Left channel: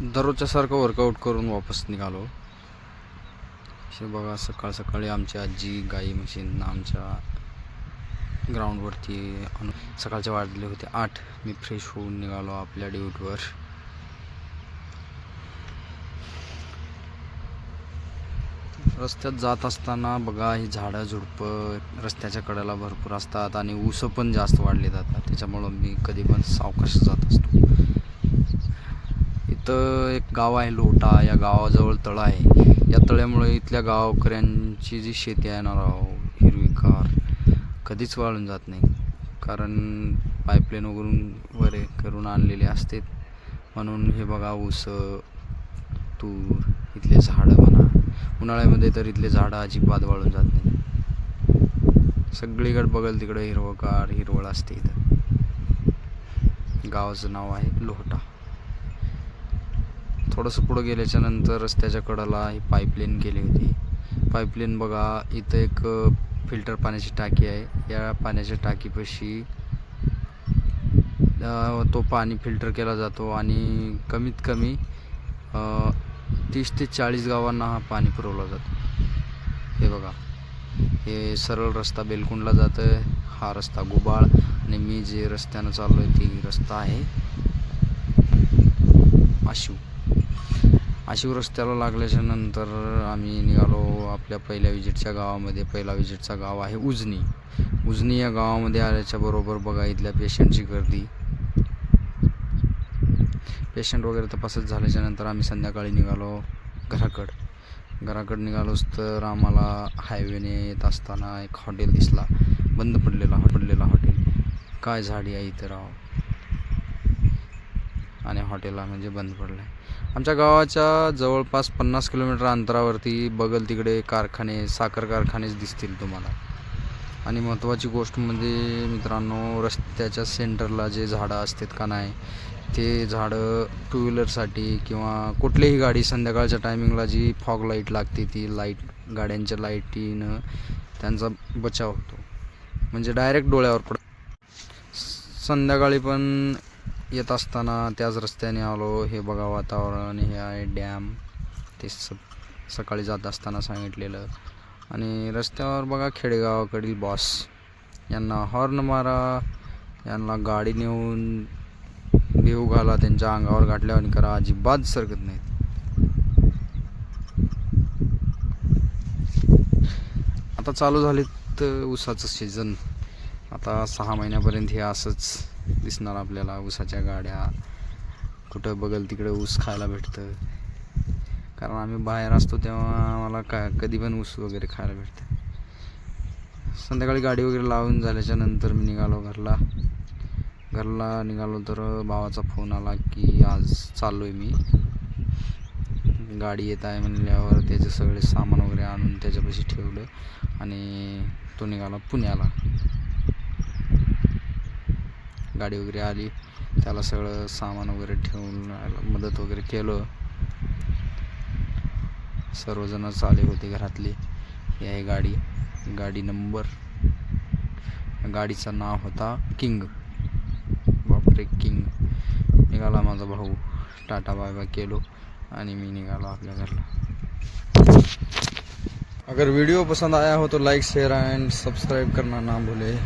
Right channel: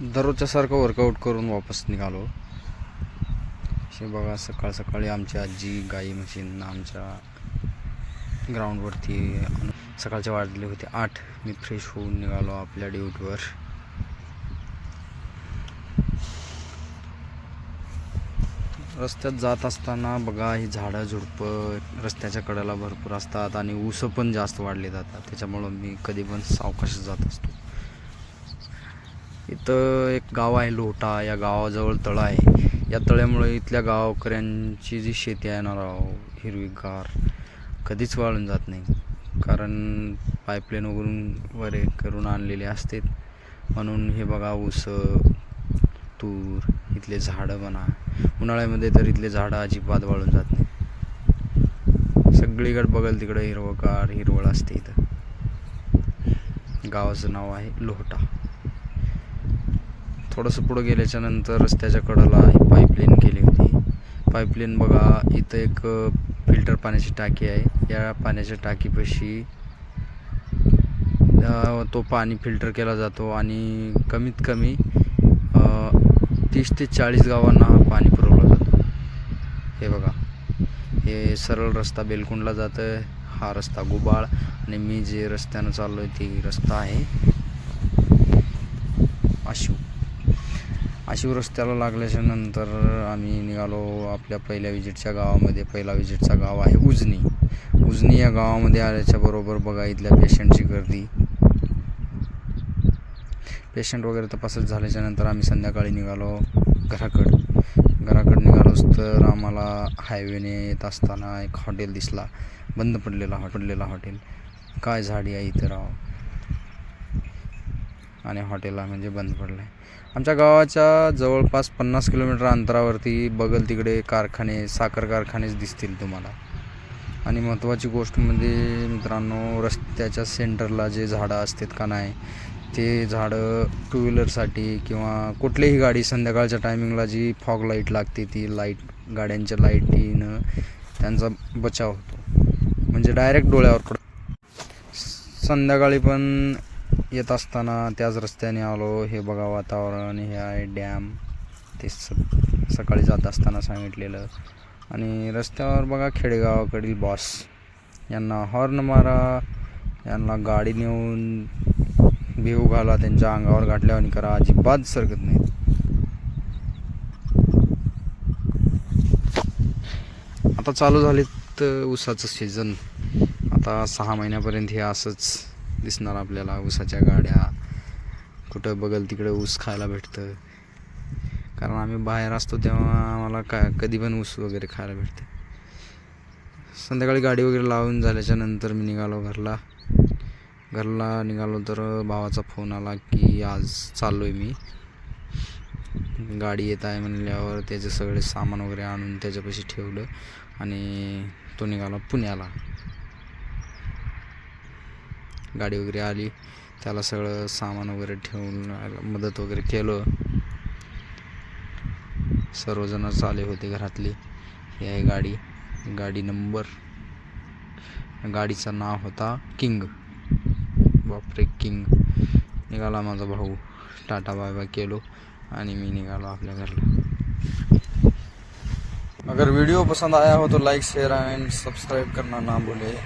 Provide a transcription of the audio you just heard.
दररोजच्या सारखं वर्कआउट करून वापस निघालो. हे बघा, सकाळ सकाळी आमची आजी गाई म्हशींना आमच्या ग्राउंडवरती सकाळचे वाजले होते 8. मी फ्रेश होऊन निघालो आपल्या ड्युटीवर. रस्त्यात जात असताना बघा, ही झाडं झुडपं रस्त्याच्या कडेला भरपूर असतात आणि ऊस पण जास्त वाढले जातात. त्याच्यामुळं मी कधी पण सावकाश जात असतो. इथं एक गाव आहे लोटा. या गावाजवळ तळं आहे. या तळ्यामुळे इथल्या गावकऱ्यांची जी शेती आहे ना राव, हिरवीगार, कधीच वाळून जात नाही. कारण पाईपलाईन वगैरे करून आणलेले असते. म्हणून हे बघा, ऊस, तूर, इथले झाडं म्हणा, उन्हाळ्यामध्ये तर इथले झाडं अजिबात वाळून जात नाही. सगळीकडे बघल तिकडे हिरवगार हिरवळ असते. इथं गावाचं नाव आहे लोटा. थोडंसं पुढं गेल्याच्या नंतर रस्त्याच्या कडेला पाईपलाईन केली होती. पाईपलाईन बघा, इथं एक फिल्टर पाण्याची टाकी आहे. या पाण्याच्या टाकीपाशी तो पाणी फिल्टर केला जातो आणि कमीत कमी 30 ते 40 गावांना हा पाणी पुरवला जातो. हे बघा, हे सरळ रस्ता बेलकुंडला जातं आहे. हा रस्ता गुबाळ आणि मी जे रस्त्यानं चाललो आहे ती रस्ता आहे आशिव रस्त्याला लागल्याच्या नंतर आम्ही निघालो आपल्या पहिल्या विजिटच्या गावामध्ये. पहिला विजिटचा गाव आहे उजनी. या गावामध्ये आल्याच्या बरोबर बघा, इथल्या पेशंटची गर्दी. पेशंट वगैरे तपासत झाल्याच्या नंतर आम्ही संध्याकाळी निघालो घराकडे निघालोच तर आम्हाला हायवेने येत असताना एक हॉटेल दिसला, बंद पडलेला हॉटेल. काय झाडी आहे इथं राव, आणि हॉटेलला म्हणजे बंद पडलं आहे. आमच्या गावाच्या जवळपास 50 किलोमीटर अंतरावरती बगल तिकडे साखर कारखानेच दिसतील तुम्हाला. आणि महत्त्वाची गोष्ट म्हणजे मित्रांनो, रस्त्याच्या सेंटरला जे झाडं असतात का नाही, ते झाडं टू व्हीलरसाठी किंवा कुठलीही गाडी संध्याकाळच्या टायमिंगला जी फॉग लाईट लागते, ती गाड्यांच्या लाईटीनं त्यांचा बचाव होतो. म्हणजे डायरेक्ट डोळ्यावर संध्याकाळी पण येत असताना त्याच रस्त्याने आलो. हे बघा वातावरण, हे आहे डॅम, ते सकाळी जात असताना सांगितलेलं. आणि रस्त्यावर बघा, खेडेगावाकडील बॉस, यांना हॉर्न मारा, यांना गाडी नेऊन भिऊ घाला, त्यांच्या अंगावर गाठल्यावर करा, अजिबात सरकत नाहीत. आता चालू झालेत ऊसाचं सीझन. आता 6 महिन्यापर्यंत हे असंच दिसणार आपल्याला. ऊसाच्या गाड्या, कुठं बघल तिकडे ऊस खायला भेटतं. कारण आम्ही बाहेर असतो तेव्हा आम्हाला कधी पण ऊस वगैरे खायला भेटतं. संध्याकाळी गाडी वगैरे लावून झाल्याच्या नंतर मी निघालो घरला निघालो तर भावाचा फोन आला की आज चाललो आहे मी. गाडी येत आहे म्हणल्यावर त्याचे सगळे सामान वगैरे आणून त्याच्यापाशी ठेवलं आणि तो निघाला पुण्याला. गाडी वगैरे आली, त्याला सगळं सामान वगैरे ठेवून मदत वगैरे केलं. सर्वजणच आले होते घरातली. ही आहे गाडी नंबर. गाडीचं नाव होता किंग. बापरे, किंग. निघाला माझा भाऊ. टाटा बाय बाय केलो आणि मी निघालो आपल्या घरला. अगर वीडियो पसंद आया हो तो लाइक शेयर एंड सब्सक्राइब करना ना भूले.